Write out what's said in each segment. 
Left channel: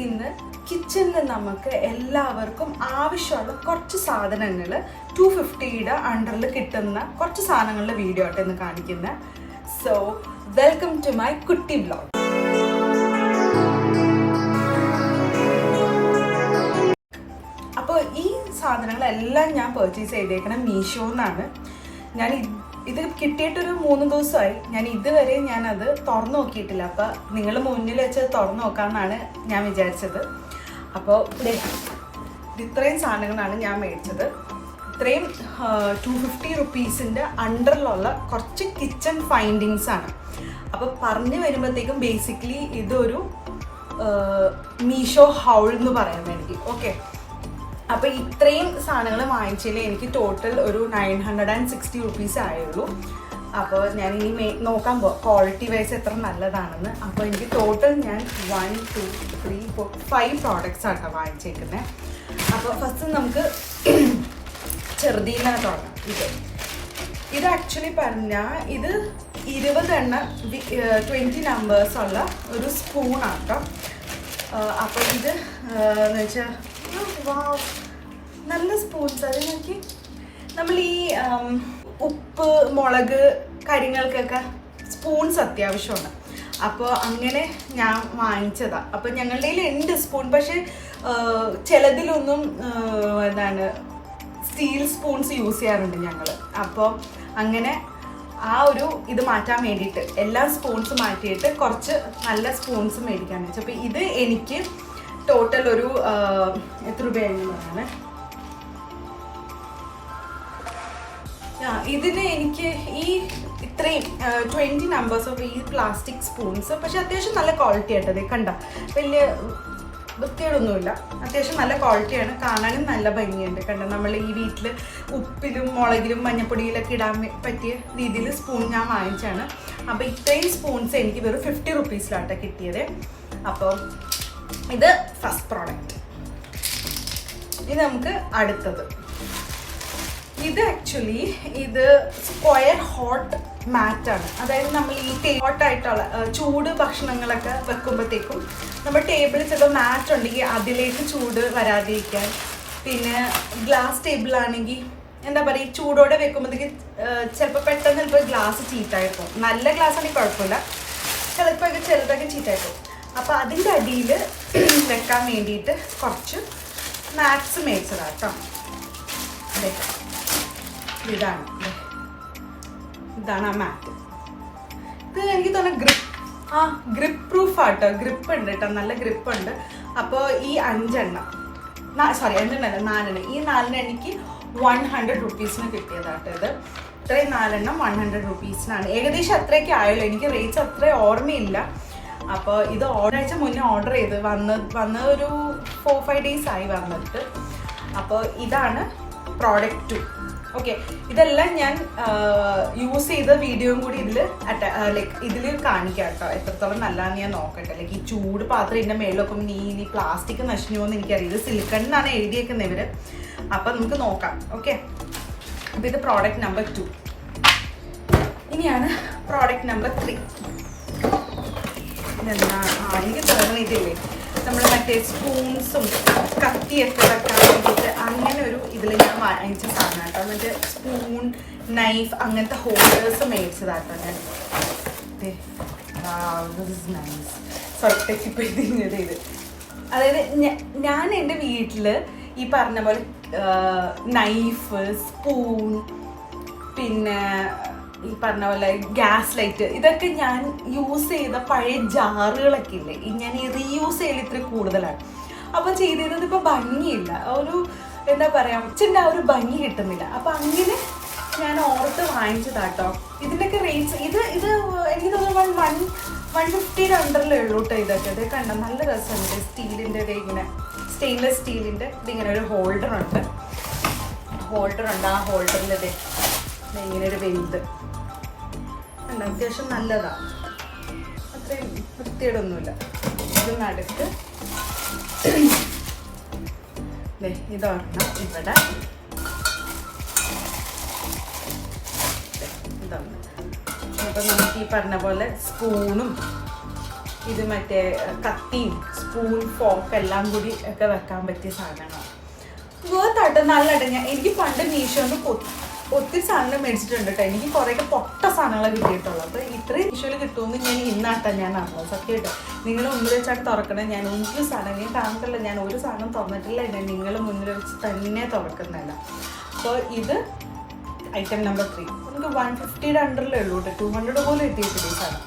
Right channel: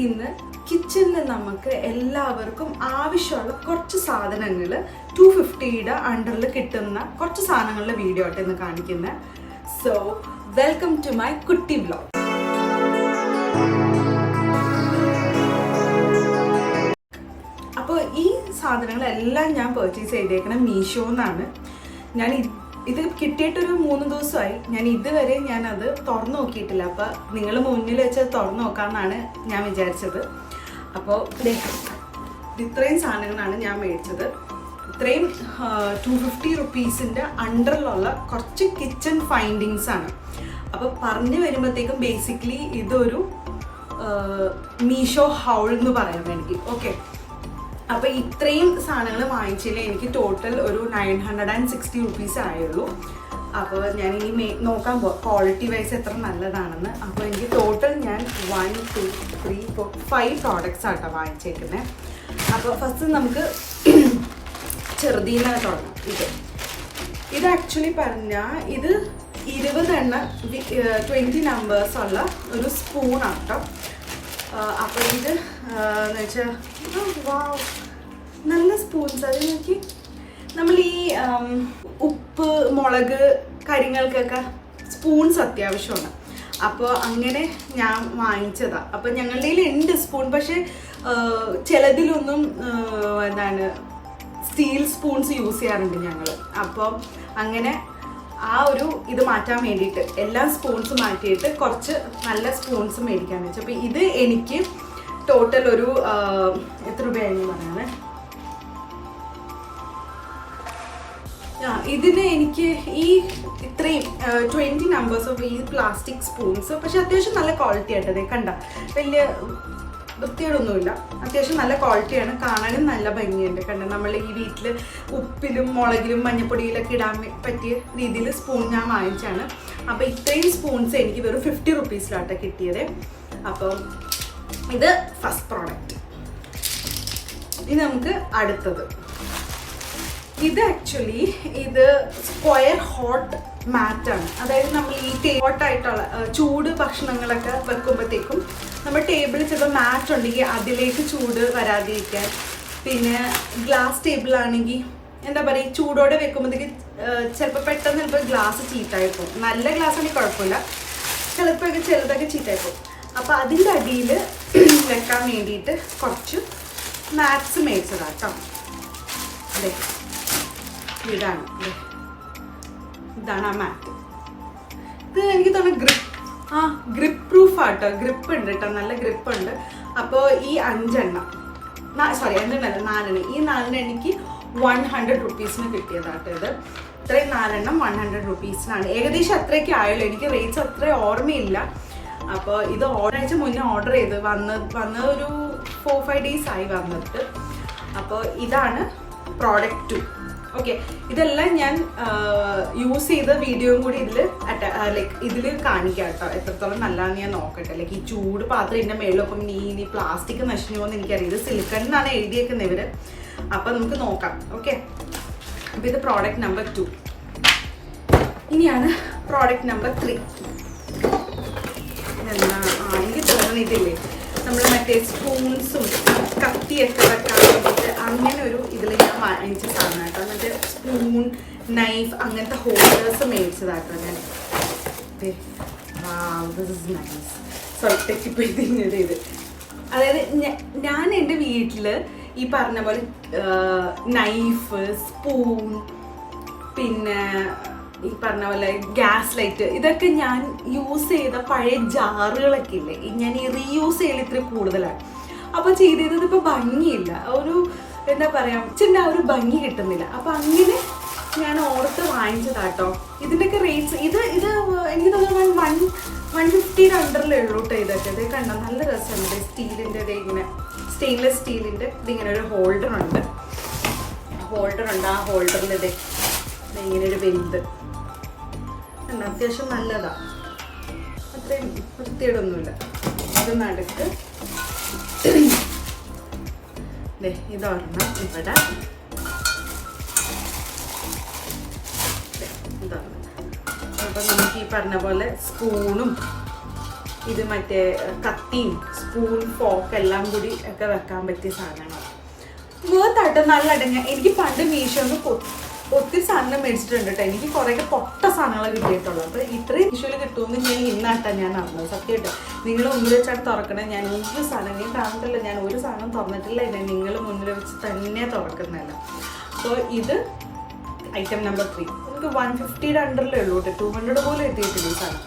ഇന്ന് കിച്ചണിൽ നമുക്ക് എല്ലാവർക്കും ആവശ്യമുള്ള കുറച്ച് സാധനങ്ങൾ 250യുടെ അണ്ടറിൽ കിട്ടുന്ന കുറച്ച് സാധനങ്ങളുടെ വീഡിയോ ആയിട്ട് ഇന്ന് കാണിക്കുന്നത്. സോ വെൽക്കം ടു മൈ കുട്ടി വ്ലോഗ്. അപ്പോൾ ഈ സാധനങ്ങളെല്ലാം ഞാൻ പർച്ചേസ് ചെയ്തേക്കണം മീഷോന്നാണ്. ഞാൻ ഇത് കിട്ടിയിട്ടൊരു 3 ദിവസമായി. ഞാൻ ഇതുവരെ അത് തുറന്നു നോക്കിയിട്ടില്ല. അപ്പോൾ നിങ്ങൾ മുന്നിൽ വെച്ച് തുറന്നു നോക്കാമെന്നാണ് ഞാൻ വിചാരിച്ചത്. അപ്പോൾ ഇത്രയും സാധനങ്ങളാണ് ഞാൻ മേടിച്ചത്. ഇത്രയും 250 റുപ്പീസിൻ്റെ അണ്ടറിലുള്ള കുറച്ച് കിച്ചൺ ഫൈൻഡിങ്സ് ആണ്. അപ്പോൾ പറഞ്ഞു വരുമ്പോഴത്തേക്കും ബേസിക്കലി ഇതൊരു മീഷോ ഹൗൾ എന്ന് പറയാൻ വേണ്ടി. ഓക്കെ, അപ്പോൾ ഇത്രയും സാധനങ്ങൾ വാങ്ങിച്ചതിൽ എനിക്ക് ടോട്ടൽ ഒരു 960 റുപ്പീസ് ആയുള്ളൂ. അപ്പോൾ ഞാൻ ഇനി നോക്കാൻ ക്വാളിറ്റി വൈസ് എത്ര നല്ലതാണെന്ന്. അപ്പോൾ എനിക്ക് ടോട്ടൽ ഞാൻ 1 2 3 4 5 പ്രോഡക്റ്റ്സ് ആട്ടോ വാങ്ങിച്ചേക്കുന്നത്. അപ്പോൾ ഫസ്റ്റ് നമുക്ക് ചെറുതീന്ന് തുടങ്ങാം. ഇത് ആക്ച്വലി പറഞ്ഞാൽ ഇത് 20 നമ്പേഴ്സ് ഉള്ള ഒരു സ്പൂണാണ് കേട്ടോ. അപ്പോൾ ഇത് എന്ന് വെച്ചാൽ നല്ല സ്പൂൺസ്. അത് നോക്കി, നമ്മൾ ഈ ഉപ്പ് മുളക് കാര്യങ്ങൾക്കൊക്കെ സ്പൂൺസ് അത്യാവശ്യമാണ്. അപ്പോൾ അങ്ങനെ ഞാൻ വാങ്ങിച്ചതാണ്. അപ്പോൾ ഞങ്ങളുടെ കയ്യിൽ ഉണ്ട് സ്പൂൺ, പക്ഷെ ചിലതിലൊന്നും സ്റ്റീൽ സ്പൂൺസ് യൂസ് ചെയ്യാറുണ്ട് ഞങ്ങൾ. അപ്പോൾ അങ്ങനെ ആ ഒരു ഇത് മാറ്റാൻ വേണ്ടിയിട്ട് എല്ലാ സ്പൂൺസ് മാറ്റിയിട്ട് കുറച്ച് നല്ല സ്പൂൺസ് മേടിക്കാമെന്ന് വെച്ചാൽ. അപ്പോൾ ഇത് എനിക്ക് ടോട്ടൽ ഒരു എത്ര രൂപയായിരുന്നു പറയാനേ, ഇതിന് എനിക്ക് ഈ ഇത്രയും 20 നമ്പേഴ്സ് ഓഫ് ഈ പ്ലാസ്റ്റിക് സ്പൂൺസ്, പക്ഷെ അത്യാവശ്യം നല്ല ക്വാളിറ്റി ആയിട്ടത് കണ്ട, വലിയ വൃത്തിയോടൊന്നുമില്ല, അത്യാവശ്യം നല്ല ക്വാളിറ്റിയാണ്, കാണാനും നല്ല ഭംഗിയുണ്ട്. കണ്ട, നമ്മൾ ഈ വീട്ടിൽ ഉപ്പിലും മുളകിലും മഞ്ഞപ്പൊടിയിലൊക്കെ ഇടാൻ പറ്റിയ രീതിയിൽ സ്പൂൺ ഞാൻ വാങ്ങിച്ചാണ്. അപ്പോൾ ഇത്രയും സ്പൂൺസ് എനിക്ക് വെറും 50 റുപ്പീസിലാട്ടോ കിട്ടിയത്. അപ്പോൾ ഇത് ഫസ്റ്റ് പ്രോഡക്റ്റ്. ഇത് നമുക്ക് അടുത്തത്. ഇത് ആക്ച്വലി ഇത് സ്ക്വയർ ഹോട്ട് മാറ്റാണ്. അതായത് നമ്മൾ ഈ ഹോട്ടായിട്ടുള്ള ചൂട് ഭക്ഷണങ്ങളൊക്കെ വെക്കുമ്പോഴത്തേക്കും നമ്മൾ ടേബിളിൽ ചിലപ്പോൾ മാറ്റ് ഉണ്ടെങ്കിൽ അതിലേക്ക് ചൂട് വരാതിരിക്കാൻ. പിന്നെ ഗ്ലാസ് ടേബിൾ ആണെങ്കിൽ എന്താ പറയുക, ചൂടോടെ വെക്കുമ്പോഴത്തേക്ക് ചിലപ്പോൾ ഗ്ലാസ് ചീത്തായിപ്പോൾ. നല്ല ഗ്ലാസ് ആണെങ്കിൽ കുഴപ്പമില്ല, ചിലപ്പോൾ ചെറുതൊക്കെ ചീത്തായിപ്പോൾ. അപ്പോൾ അതിൻ്റെ അടിയിൽ വെക്കാൻ വേണ്ടിയിട്ട് കുറച്ച് മാറ്റ്സ് മേടിച്ചതാണ് കേട്ടോ. ഇതാണ് ആ മാറ്റ്. ഇത് എനിക്ക് തോന്നുന്നു ഗ്രിപ്പ് പ്രൂഫ് ആട്ടോ, ഗ്രിപ്പ് ഉണ്ട് കേട്ടോ, നല്ല ഗ്രിപ്പ് ഉണ്ട്. അപ്പോൾ ഈ 5 എണ്ണം, സോറി 5 എണ്ണല്ല 4 എണ്ണം, ഈ 4 എനിക്ക് 100 റുപ്പീസിന് കിട്ടിയതാട്ടോ. ഇത് ഇത്രയും 4 എണ്ണം 100 റുപ്പീസിനാണ്. ഏകദേശം അത്രയൊക്കെ ആയല്ലോ, എനിക്ക് റേറ്റ്സ് അത്ര ഓർമ്മയില്ല. അപ്പോൾ ഇത് ഒരാഴ്ച മുന്നേ ഓർഡർ ചെയ്ത് വന്നത് ഒരു 4-5 ഡേയ്സ് ആയി വന്നിട്ട്. അപ്പോൾ ഇതാണ് പ്രോഡക്റ്റ് 2. ഓക്കെ, ഇതെല്ലാം ഞാൻ യൂസ് ചെയ്ത വീഡിയോയും കൂടി ഇതിൽ കാണിക്കാം കേട്ടോ, എത്രത്തോളം നല്ലതാണെന്ന് ഞാൻ നോക്കട്ടെ. ഈ ചൂട് പാത്രം ഇതിൻ്റെ മേളിലൊക്കെ ഈ പ്ലാസ്റ്റിക് നശിഞ്ഞോ എന്ന് എനിക്കറിയാം. ഇത് സിലിക്കൺ എന്നാണ് എഴുതിയേക്കുന്നത് ഇവർ. അപ്പം നമുക്ക് നോക്കാം. ഓക്കെ, അപ്പം ഇത് പ്രോഡക്റ്റ് നമ്പർ 2. ഇനിയാണ് പ്രോഡക്റ്റ് നമ്പർ 3. എനിക്ക് തോന്നുന്നില്ലേ, നമ്മൾ മറ്റേ സ്പൂൺസും കത്തിയൊക്കെ വെക്കാൻ വേണ്ടിയിട്ട് അങ്ങനെ ഒരു ഇതിൽ ഞാൻ വാങ്ങിച്ച സാധനം കേട്ടോ. മറ്റേ സ്പൂൺ നൈഫ് അങ്ങനത്തെ ഹോൾഡേഴ്സ് മേടിച്ചതാട്ടോ ഞാൻ. സോറി, തെറ്റിപ്പോയി ഇത്. അതായത് ഞാൻ എൻ്റെ വീട്ടിൽ ഈ പറഞ്ഞ പോലെ നൈഫ്, സ്പൂൺ, പിന്നെ ഈ പറഞ്ഞ പോലെ ഗ്യാസ് ലൈറ്റ്, ഇതൊക്കെ ഞാൻ യൂസ് ചെയ്ത പഴയ ജാറുകളൊക്കെ ഇല്ലേ, ഞാൻ ഈ റീയൂസ് ചെയ്യൽ ഇത്തിരി കൂടുതലാണ്. അപ്പോൾ ചെയ്തത് ഇപ്പോൾ ഭംഗിയില്ല, ഒരു എന്താ പറയുക, ചിന്ന ഒരു ഭംഗി കിട്ടുന്നില്ല. അപ്പോൾ അങ്ങനെ ഞാൻ ഓർത്ത് വാങ്ങിച്ചതാട്ടോ. ഇതിൻ്റെയൊക്കെ റേറ്റ്സ് ഇത് എനിക്ക് തോന്നുന്നു 150 അണ്ടറിലേ ഉള്ളൂ കേട്ടോ. ഇതൊക്കെ ഇത് കണ്ട നല്ല രസമുണ്ട്. സ്റ്റീലിൻ്റെ ഇങ്ങനെ സ്റ്റെയിൻലെസ് സ്റ്റീലിൻ്റെ ഇതിങ്ങനെ ഒരു ഹോൾഡർ ഉണ്ട്. ആ ഹോൾഡറിൽ ഇങ്ങനെ ഒരു വലുത് അത്യാവശ്യം നല്ലതാണ്, അത്രയും വൃത്തിയോടൊന്നുമില്ല. ഇത് നടുക്ക് ഇതൊരെണ്ണം ഇവിടെ, ഇതാണ്. അപ്പം നമുക്ക് ഈ പറഞ്ഞ പോലെ സ്പൂണും ഇത് മറ്റേ കത്തിയും സ്പൂൺ ഫോർക്ക് എല്ലാം കൂടി ഒക്കെ വെക്കാൻ പറ്റിയ സാധനമാണ്. വേർത്തായിട്ട് നല്ല അടങ്ങ. എനിക്ക് പണ്ട് മീഷോന്ന് ഒത്തിരി സാധനം മേടിച്ചിട്ടുണ്ട് കേട്ടോ. എനിക്ക് കുറേയൊക്കെ പൊട്ട സാധനങ്ങൾ കിട്ടിയിട്ടുള്ളൂ. അപ്പോൾ ഇത്രയും മീഷോയിൽ കിട്ടുമെന്ന് ഞാൻ ഇന്നാട്ടാണ് ഞാൻ അറിഞ്ഞത്. സത്യമായിട്ട് നിങ്ങൾ മുന്നിൽ വെച്ചാൽ തുറക്കണേ. ഞാൻ ഒരു സാധനം നീ കാണത്തില്ല, ഞാൻ ഒരു സാധനം തുറന്നിട്ടില്ല. ഞാൻ നിങ്ങൾ മുന്നിൽ വെച്ച് തന്നെ തുറക്കുന്നില്ല. അപ്പോൾ ഇത് ഐറ്റം നമ്പർ 3. എനിക്ക് 150 അണ്ടറിലേ ഉള്ളൂ കേട്ടോ. 200 പോലും എത്തിയിട്ടില്ല ഈ സാധനം.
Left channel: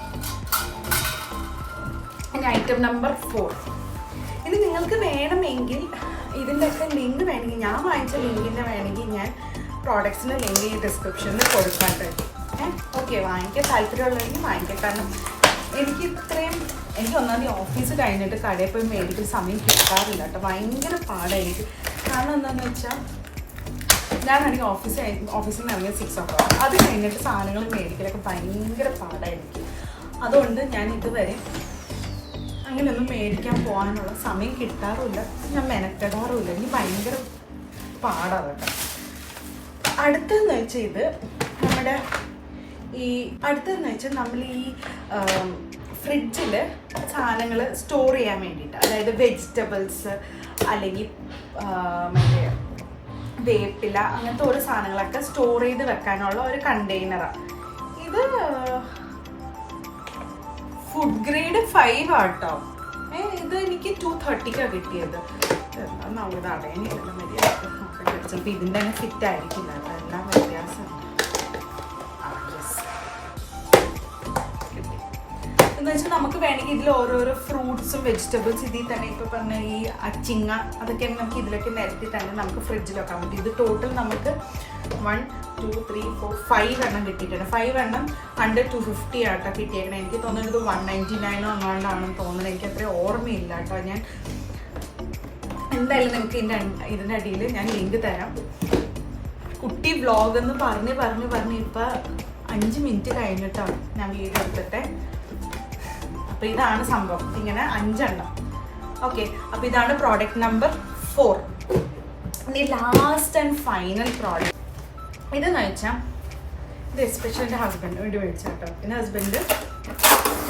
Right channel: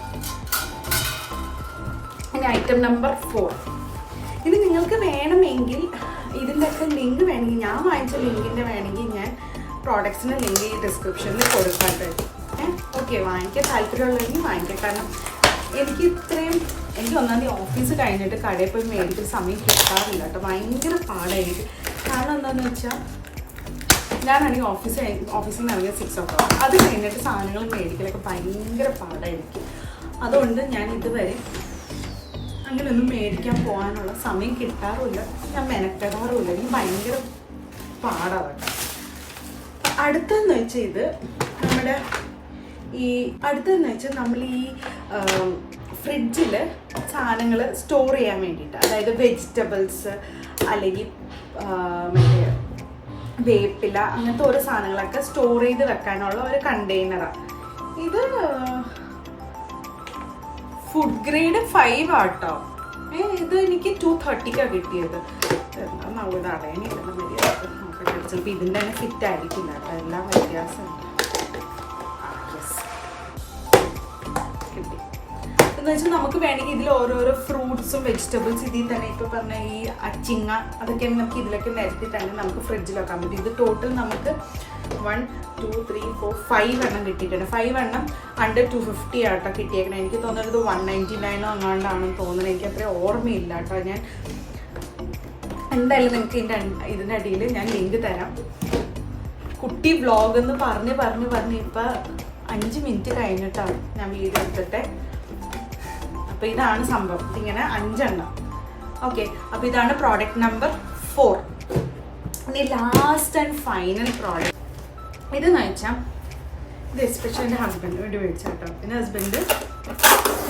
ഇനി ഐറ്റം നമ്പർ 4. ഇത് നിങ്ങൾക്ക് വേണമെങ്കിൽ ഇതിൻ്റെയൊക്കെ ലിങ്ക് വേണമെങ്കിൽ, ഞാൻ വാങ്ങിച്ച ലിങ്കിൻ്റെ വേണമെങ്കിൽ ഞാൻ പ്രോഡക്ട്സിൻ്റെ ലിങ്ക് ഈ ഡിസ്ക്രിപ്ഷനിൽ കൊടുക്കാറുണ്ട്. ഓക്കെ, വാങ്ങിക്കാൻ താല്പര്യമുള്ളവരെങ്കിൽ വാങ്ങിക്കാം. കാരണം എനിക്ക് ഒന്നാമത് ഓഫീസ് കഴിഞ്ഞിട്ട് കടയിൽ പോയി മേടിക്കുന്ന സമയം കിട്ടാറില്ല കേട്ടോ. ഭയങ്കര പാടായിരിക്കും. കാരണം എന്താണെന്ന് വെച്ചാൽ ഞാനാണെങ്കിൽ ഓഫീസിൽ നിന്ന് ഇറങ്ങിയ 6 o'clock. അത് കഴിഞ്ഞിട്ട് സാധനങ്ങൾ മേടിക്കലൊക്കെ ഭയങ്കര പാടായിരിക്കും. അതുകൊണ്ട് ഞാൻ ഇതുവരെ അങ്ങനെയൊന്നും മേടിക്കാൻ പോകാനുള്ള സമയം കിട്ടാറുമില്ല. ഞാൻ മെനക്കെടാറുമില്ല. എനിക്ക് ഭയങ്കര പാടാണ് കേട്ടോ. അടുത്തതെന്ന് വെച്ചാൽ ഇത് നമ്മുടെ നമ്മൾ ഈ ഫ്രിഡ്ജിൽ സാധനങ്ങൾ സ്റ്റോർ ചെയ്യാൻ വേണ്ടിയിട്ട്, അതായത് വെജിറ്റബിൾസ് അല്ലെങ്കിൽ മറ്റേ വേപ്പില അങ്ങനത്തെ ഓരോ സാധനങ്ങളൊക്കെ സ്റ്റോർ ചെയ്ത് വെക്കാനുള്ള ഒരു കണ്ടെയ്നറാണ് ഇത്. ഫുഡ് ഗ്രേഡ് 5 ആട്ടോ. ഇത് എനിക്ക് 230 കിട്ടിയത്. എന്താ ഇത് അടയണില്ല മര്യാദ നോക്കട്ടെ. ചിലപ്പോൾ ഇതിൻ്റെ തന്നെ ഫിറ്റ് ആയിരിക്കില്ല കേട്ടോ. എല്ലാം വ്യത്യാസമുണ്ട്. കിട്ടി എന്ന് വെച്ചാൽ നമുക്ക് വേണമെങ്കിൽ ഇതിൽ ഓരോരോ ഫ്രൂട്ട്സും വെജിറ്റബിൾസ് ഇതിൽ തന്നെ ഇപ്പോൾ പറഞ്ഞ ഈ അച്ചിങ്ങ അതൊക്കെ നമുക്ക് ഇതിലൊക്കെ നിരത്തി തന്നെ നമുക്ക് ഫ്രിഡ്ജിൽ വെക്കാൻ പറ്റും. ഇത് ടോട്ടൽ നമുക്ക് 1 2 3 4 5 എണ്ണം കിട്ടിയിട്ടുണ്ട്. 5 എണ്ണം അണ്ടർ 250 ആട്ടോ കിട്ടിയേക്കണേ. എനിക്ക് തോന്നുന്നത് 199 എങ്ങാണ്ടാണെന്ന് തോന്നുന്നത്. എനിക്ക് അത്ര ഓർമ്മയില്ല കേട്ടോ. ഞാൻ എന്തായാലും നിങ്ങൾക്ക് ഇതിൻ്റെ അടിയിൽ ഞാൻ ലിങ്ക് തരാം. കുട്ടി വ്ളോഗ് എന്ന് പറഞ്ഞ് ഇപ്പം 5 മിനിറ്റ് കഴിഞ്ഞിട്ടാണ് ഞാൻ വീഡിയോ എടുത്തിട്ട്. അപ്പോൾ ഇതാണ് സംഭവം. ഇങ്ങനെ 5 എണ്ണം. ഓക്കെ, അപ്പോൾ ഇതാണ് പ്രോഡക്റ്റ് നമ്പർ 4. ഇനി ലാസ്റ്റ് ആൻഡ് ഫൈനൽ പ്രോഡക്റ്റ് ഇതെന്ന് വെച്ചാൽ ഇത് എസ്പെഷ്യലി എൻ്റെ ഹസ്ബൻഡിന് വേണ്ടി മേടിച്ചു കേട്ടോ. എൻ്റെ ഹസ്ബൻഡ്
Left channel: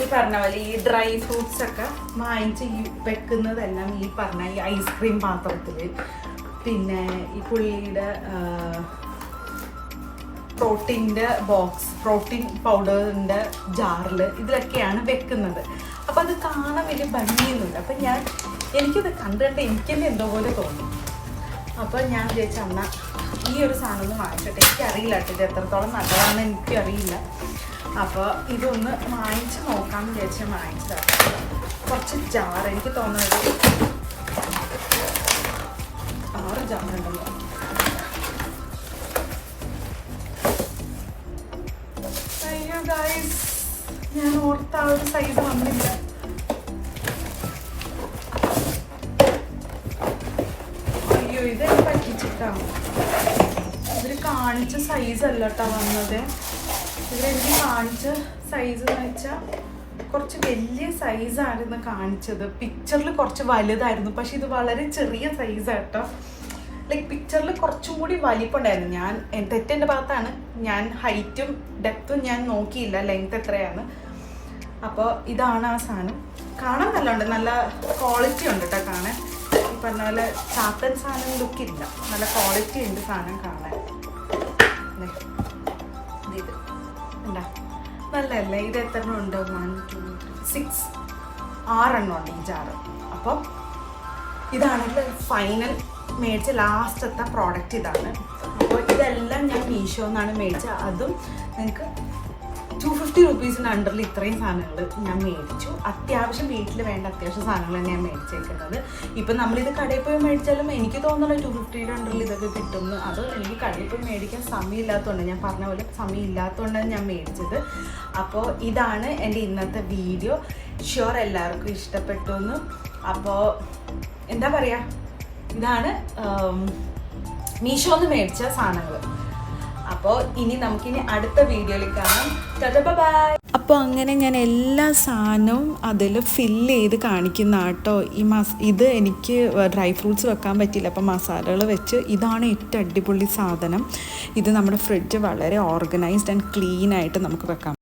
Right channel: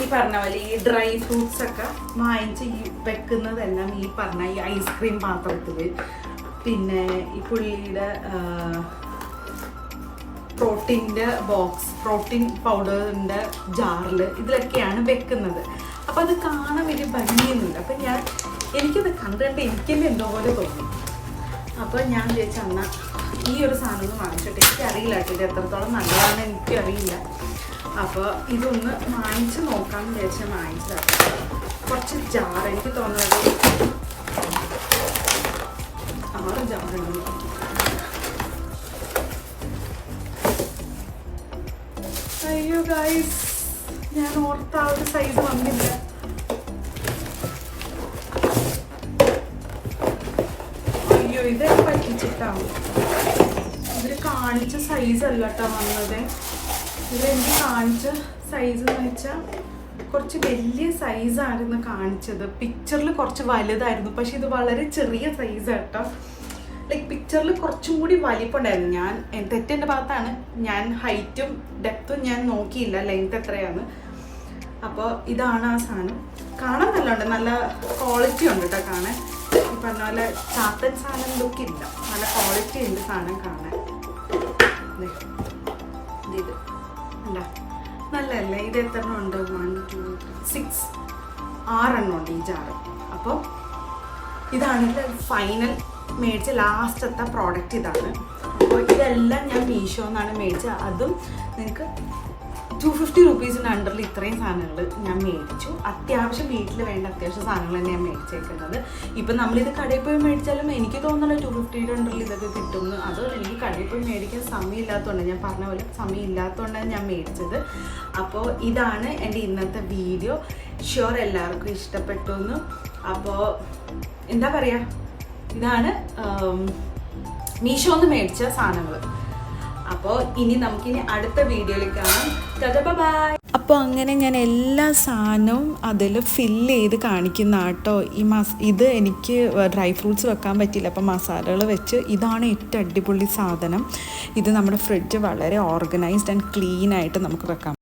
ഈ പറഞ്ഞ പോലെ ഈ ഡ്രൈ ഫ്രൂട്ട്സ് ഒക്കെ വാങ്ങിച്ച് വെക്കുന്നതെല്ലാം ഈ പറഞ്ഞ ഈ ഐസ്ക്രീം പാത്രത്തിൽ, പിന്നെ ഈ പുള്ളിയുടെ പ്രോട്ടീൻ്റെ ബോക്സ്, പ്രോട്ടീൻ പൗഡറിൻ്റെ ജാറിൽ ഇതിലൊക്കെയാണ് വെക്കുന്നത്. അപ്പം അത് കാണാൻ വലിയ ഭംഗിയൊന്നുമില്ല. അപ്പം എനിക്കത് കണ്ടിട്ട് എനിക്കെന്നെ എന്തോ പോലെ തോന്നി. അപ്പോൾ ഞാൻ വിചാരിച്ചു എന്നാൽ ഈ ഒരു സാധനം ഒന്ന് വാങ്ങിച്ചിട്ട്, എനിക്കറിയില്ല കേട്ടോ ഇത് എത്രത്തോളം നല്ലതാണെന്ന് എനിക്കറിയില്ല. അപ്പോൾ ഇതൊന്ന് വാങ്ങിച്ച് നോക്കാമെന്ന് വിചാരിച്ചാൽ വാങ്ങിച്ചതാണ്. കുറച്ച് ജാർ, എനിക്ക് തോന്നുന്നത് 6 ജാറുണ്ടെന്ന്. അയ്യോ ഗൈസ്, ഞാൻ ഓർത്ത ആ ഒരു സൈസ് വന്നില്ല. അയ്യോ, ഇതൊക്കെ പറ്റിച്ചിട്ടാവും. ഇവര് കാണിച്ച സൈസ് അല്ല കേട്ടോ വന്നത്. ഇവരെനിക്ക് കാണിച്ച സൈസ് എന്ന് വെച്ചാൽ കുറച്ച് വലിയ സൈസായിരുന്നു കാണിച്ചത്. പിക്ചറിൽ കുറച്ച് വലുതായിരുന്നു, പക്ഷെ ഇത് വളരെ ചെറിയ സൈസ് കേട്ടോ. ലൈക്ക് പിക്ചറിൽ കുറച്ചും കൂടി വലിപ്പമുണ്ടായിരുന്നു. ഞാൻ തെറ്റെൻ്റെ ഭാഗത്താണ്. ഞാൻ ഹൈറ്റും ഡെപ്തും ഞാൻ നോക്കിയില്ല ലെങ്ത് എത്രയാണ്. അപ്പോൾ ഇതാണ് ആ സാധനം. കാണാൻ നല്ലുണ്ട്, നല്ല ക്വാളിറ്റി ഉണ്ട് കേട്ടോ കാണാൻ. ഈ പറഞ്ഞ പോലെ ചാത്തൻ സാധനം ലുക്കില്ല, നല്ല ക്വാളിറ്റി ഉണ്ട് സാധനം കാണാൻ. ഇത് എന്താ നല്ലതല്ലേ? ഇത് എത്ര എണ്ണം ഉണ്ട്? 1 2 3 6 6 എണ്ണം ഉണ്ട് ഈ ജാറ്. അപ്പോൾ ഇതാണെങ്കിൽ ഫൈനൽ മേടിച്ച ലാസ്റ്റത്തെ പ്രോഡക്റ്റ് ഇതാണ്. അപ്പോൾ ഇതെല്ലാം ഞാൻ മീഷോന്നാണ് മേടിച്ചത്. അതും നിങ്ങൾക്ക് 250 റുപ്പീസിന് അണ്ടറിൽ ഇത്രയും സാധനങ്ങൾ ഞാൻ മേടിച്ചു. അത്യാവശ്യം വീട്ടിൽ വേണ്ട അത്യാവശ്യം സാധനങ്ങൾ തന്നെ ഞാൻ മേടിച്ചേക്കുന്നത്. ഇപ്പം നമ്മളിത് കടയിൽ പോയി മേടിച്ചാലും എനിക്ക് തോന്നുന്നില്ല 250 അണ്ടറിൽ ഇതൊക്കെ കിട്ടുമെന്ന്. അത് എനിക്ക് കടയിൽ പോയി മേടിക്കാൻ സമയമില്ലാത്തതുകൊണ്ടാണ്, ഞാൻ പറഞ്ഞ പോലെ സമയമില്ലാത്തതുകൊണ്ടാണ് ഞാൻ മേടിച്ചത്. അപ്പോൾ ഇതാണ് എൻ്റെ ഇന്നത്തെ വീഡിയോ. ഷുവർ എല്ലാവർക്കും ഇഷ്ടപ്പെട്ടു എന്ന്. അപ്പോൾ എന്താ പറയുക, ഇതാണ് മീഷോന്ന് മേടിച്ച സാധനങ്ങൾ. അപ്പോൾ ഇനി നമുക്കിനി അടുത്ത വീഡിയോയിൽ കാണാം. ബൈ. അപ്പോൾ അങ്ങനെ ഞാൻ എല്ലാ സാധനവും അതിൽ ഫില്ല് ചെയ്ത് കാണിക്കുന്ന കേട്ടോ. ഇത് എനിക്ക് ഡ്രൈ ഫ്രൂട്ട്സ് വെക്കാൻ പറ്റിയില്ല, അപ്പോൾ മസാലകൾ വെച്ച് ഇതാണ് ഏറ്റവും അടിപൊളി സാധനം. ഇത് നമ്മുടെ ഫ്രിഡ്ജ് വളരെ ഓർഗനൈസ്ഡ് ആൻഡ് ക്ലീൻ ആയിട്ട് നമുക്ക് വെക്കാം.